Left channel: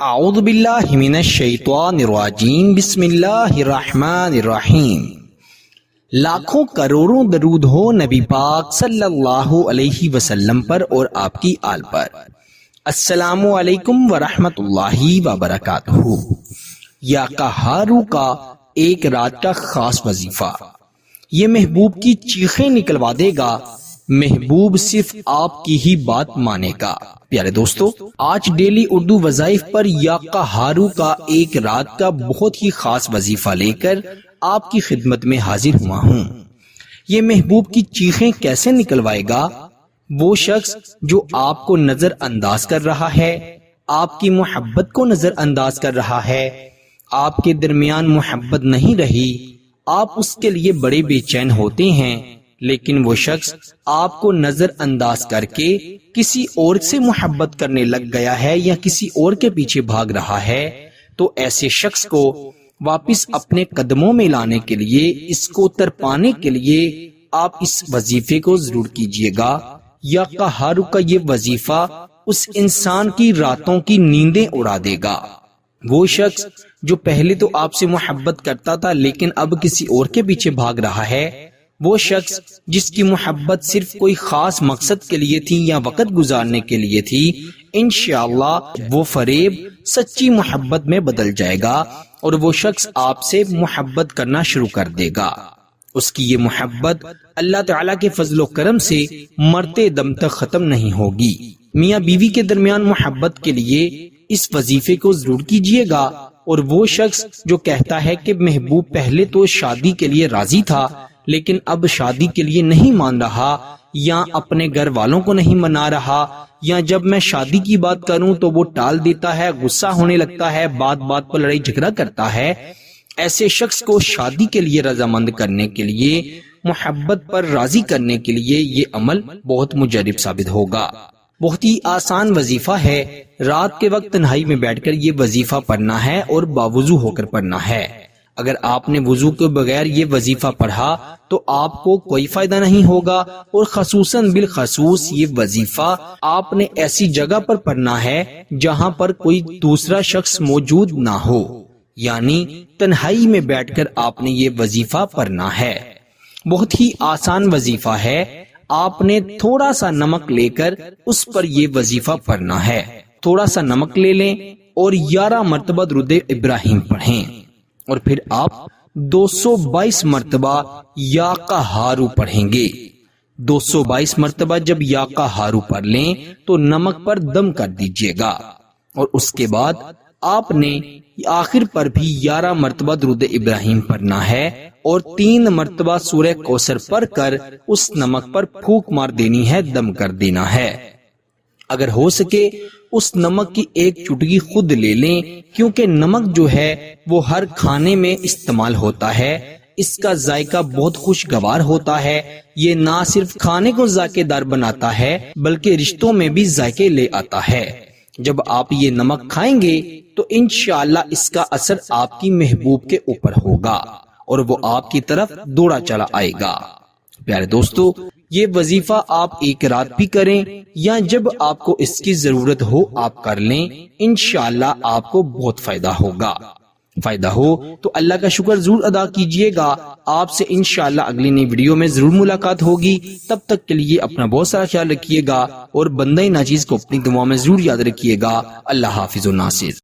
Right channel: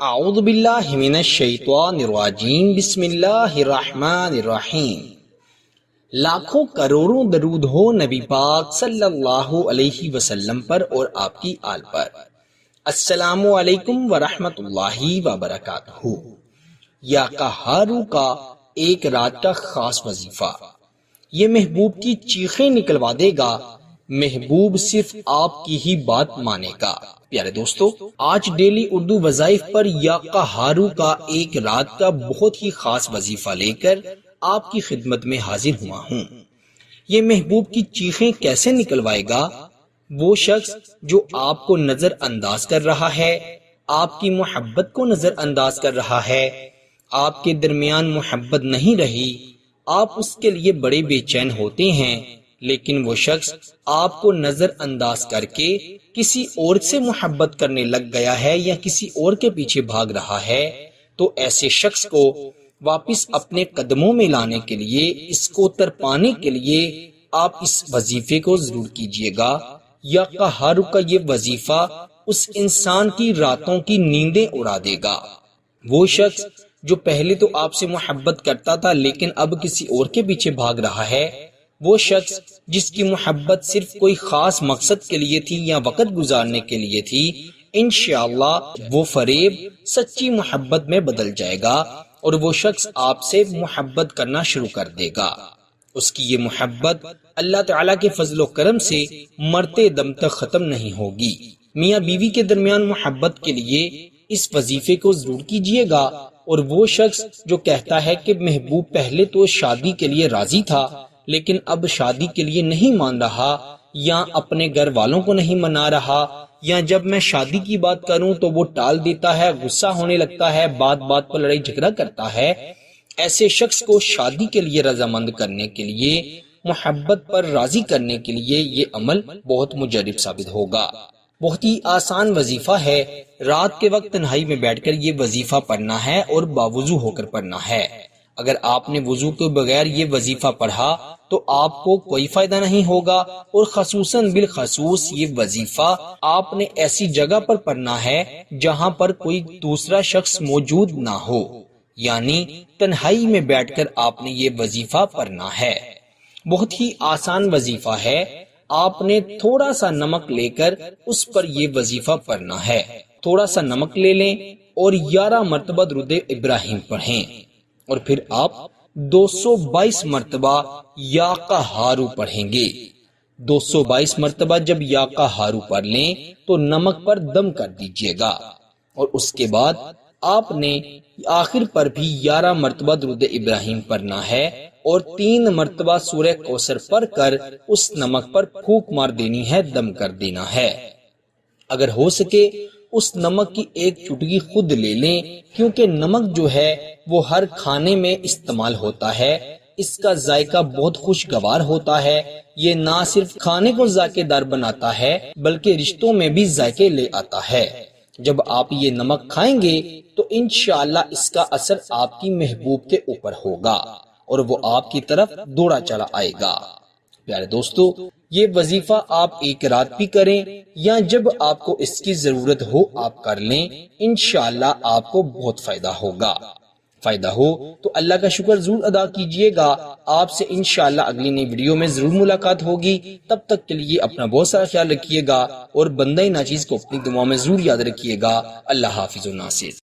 اعوذ باللہ من الشیطان الرجیم بسم اللہ الرحمن الرحیم۔ لاکھوں کروڑوں درود ہو نبی پاک صلی اللہ علیہ وسلم پر اور آپ کی آل پر۔ السلام علیکم ورحمۃ اللہ وبرکاتہ۔ یا قہارو کا ایک رات کا خاص وظیفہ، یہ محبوب کی چیخیں نکلوا دے گا، محبوب صرف آپ کی ہی بات مانے گا۔ پیارے دوستو، آج ڈیلی اردو وظائف پر یا قہارو کا ایک رات کا بہت ہی خاص وظیفہ لے کر آپ کی خدمت میں حاضر ہوا ہوں۔ یہ محبوب کی چیخیں کیسے نکلوائے گا؟ وہ شخص جو آپ کو نظر انداز کر رہا ہے، آپ کی محبت کو نظر انداز کر رہا ہے، آپ کے درمیان محبت نہیں رہی، آپ اس کے لیے بڑے بے چین ہوتے ہیں، لیکن وہ شخص آپ کو نظر انداز کر کے کسی اور سے محبت کرنے لگ گیا ہے یا کسی اور کے پیچھے بھاگ رہا ہے، تو ایسے شخص کو واپس اپنے قدموں میں لانے کے لیے، اس کو ترپانے کے لیے آپ اس وظیفے کو ضرور کیجئے گا۔ یا قہارو کا یہ وظیفہ اس انسان کی راتوں کی نیندیں اڑا دے گا۔ وہ شخص جو پہلے تو آپ سے محبت کرتا تھا لیکن اب کسی اور کے پیچھے بھاگ رہا ہے، وہ شخص جس کی محبت صرف کوئی خاص مقصد کے لیے تھی یا وقت گزارنے کے لیے تھی، انشاءاللہ وہ فریب سچی محبت میں بدل جائے گا اور وہ شخص آپ سے محبت کرنا شروع کر دے گا۔ اس کی یہ محبت اللہ تعالیٰ کے فضل و کرم سے مرتے دم تک ختم نہیں ہوگی۔ میاں بیوی کے درمیان محبت کے لیے اس وظیفے کو ضرور کیجئے گا۔ اور وہ شخص جو کہتا ہے کہ محبوب پہلے تو شادی کے لیے راضی تھا لیکن اب شادی کے لیے نہیں مان رہا، یا اپنے گھر والوں کو نہیں منا رہا، یا جب میں شادی کی بات کروں تو وہ ٹال دیتا ہے، غصہ ہونے لگتا ہے، بات بات پر لڑائی جھگڑا کرتا ہے، ایسے شخص کو شادی کے لیے رضامند کرنے کے لیے، محبت پر راضی کرنے کے لیے یہ عمل بہت مجرب ثابت ہوگا۔ بہت ہی آسان وظیفہ ہے، رات کے وقت تنہائی میں بیٹھ کر یہ وظیفہ پڑھنا ہے اور باوضو ہو کر پڑھنا ہے۔ اگر آپ نے وضو کے بغیر یہ وظیفہ پڑھا تو آپ کو کوئی فائدہ نہیں ہوگا، اور خصوصاً بالخصوص یہ وظیفہ آپ نے ایسی جگہ پر پڑھنا ہے جہاں پر کوئی دوسرا شخص موجود نہ ہو، یعنی تنہائی میں بیٹھ کر آپ نے یہ وظیفہ پڑھنا ہے۔ بہت ہی آسان وظیفہ ہے، آپ نے تھوڑا سا نمک لے کر اس پر یہ وظیفہ پڑھنا ہے۔ تھوڑا سا نمک لے لیں اور 11 مرتبہ درود ابراہیم پڑھیں، اور پھر آپ 222 مرتبہ یا قہارو پڑھیں گے۔ 222 مرتبہ جب یا قہارو پڑھ لیں تو نمک پر دم کر دیجئے گا، اور اس کے بعد آپ نے آخر پر بھی 11 مرتبہ درود ابراہیم پڑھنا ہے، اور 3 مرتبہ سورہ کوثر پڑھ کر اس نمک پر پھونک مار دینی ہے، دم کر دینا ہے۔ اگر ہو سکے اس نمک کی ایک چٹکی خود لے لیں، کیونکہ نمک جو ہے وہ ہر کھانے میں استعمال ہوتا ہے، اس کا ذائقہ بہت خوشگوار ہوتا ہے، یہ نہ صرف کھانے کو ذائقے دار بناتا ہے بلکہ رشتوں میں بھی ذائقے لے آتا ہے۔ جب آپ یہ نمک کھائیں گے تو انشاءاللہ اس کا اثر آپ کی محبوب کے اوپر ہوگا اور وہ آپ کی طرف دوڑا چلا آئے گا۔ پیارے دوستو، یہ وظیفہ آپ ایک رات بھی کریں یا جب آپ کو اس کی ضرورت ہو آپ کر لیں، انشاءاللہ آپ کو بہت فائدہ ہوگا۔ فائدہ ہو تو اللہ کا شکر ضرور ادا کیجئے گا۔ آپ سے انشاءاللہ اگلی نئی ویڈیو میں ضرور ملاقات ہوگی۔ تب تک کے لیے اپنا بہت سارا خیال رکھیے گا اور بندہ ناچیز کو اپنی دعا میں ضرور یاد رکھیے گا۔ اللہ حافظ و ناصر۔